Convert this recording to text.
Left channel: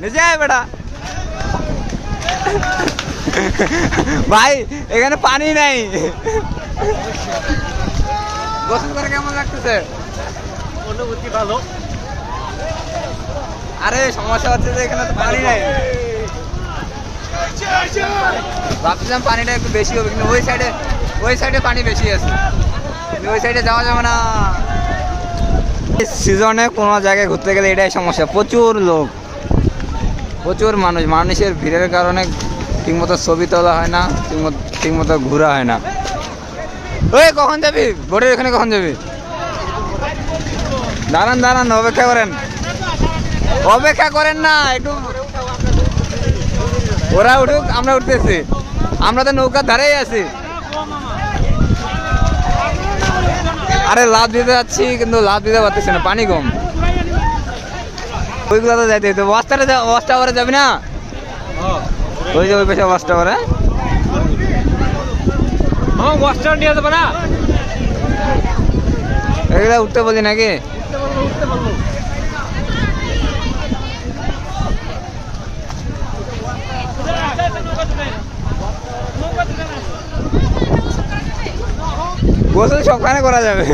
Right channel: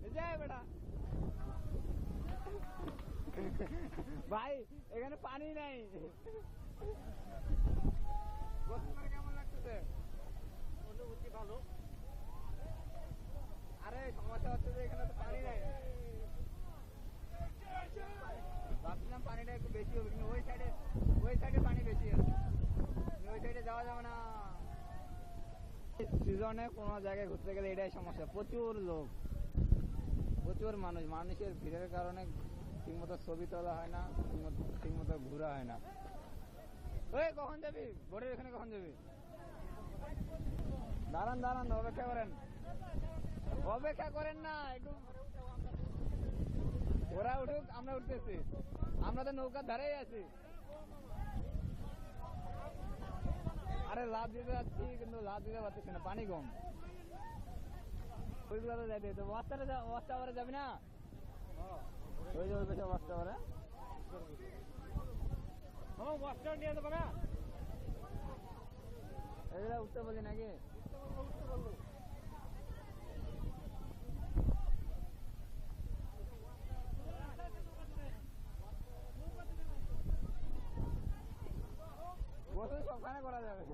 নিচে আয় বেটা। ভাই এখানে পানি নাই। গোসল করে কেমন লাগতেছে? অনুভূতি ভালো। আরে সমস্যা হচ্ছে যে এখানে তো পানি নাই। ভাবছিলাম পানিটা একটু বেশি হবে, কিন্তু ওই সাইডে পানি বেশি আছে, ওই সাইডে যাওয়া যাবে না। সিজনে কোনো জায়গায় ঘুরতে গেলে এটাই সমস্যা, প্রচুর লোক, প্রচুর মানুষের ভিড়ের কারণে ঠিকমতো ছবি তোলা হয় না, ঠিকমতো ঘোরা হয় না। ওই কখন যাবি? বোটের এখানে কখন যাবি? দাঁড়ান অপেক্ষা করেন না একটু, ওরা উঠুক আমরা উঠতেছি, আমরা তো নৌকার ধারেই আছি। আরে লাভ দিতে যাচ্ছি কিন্তু লাভ দিতে পারতেছি না, পানি কম। ওইগুলো তো যাইতে হতো। ওয়াচ টাওয়ারে যাবি না? ওই যে ওই পাশে ওয়াচ টাওয়ারে। এগুলা উঠতে বলি নাকি? গোসল সবখানে করা যাবে।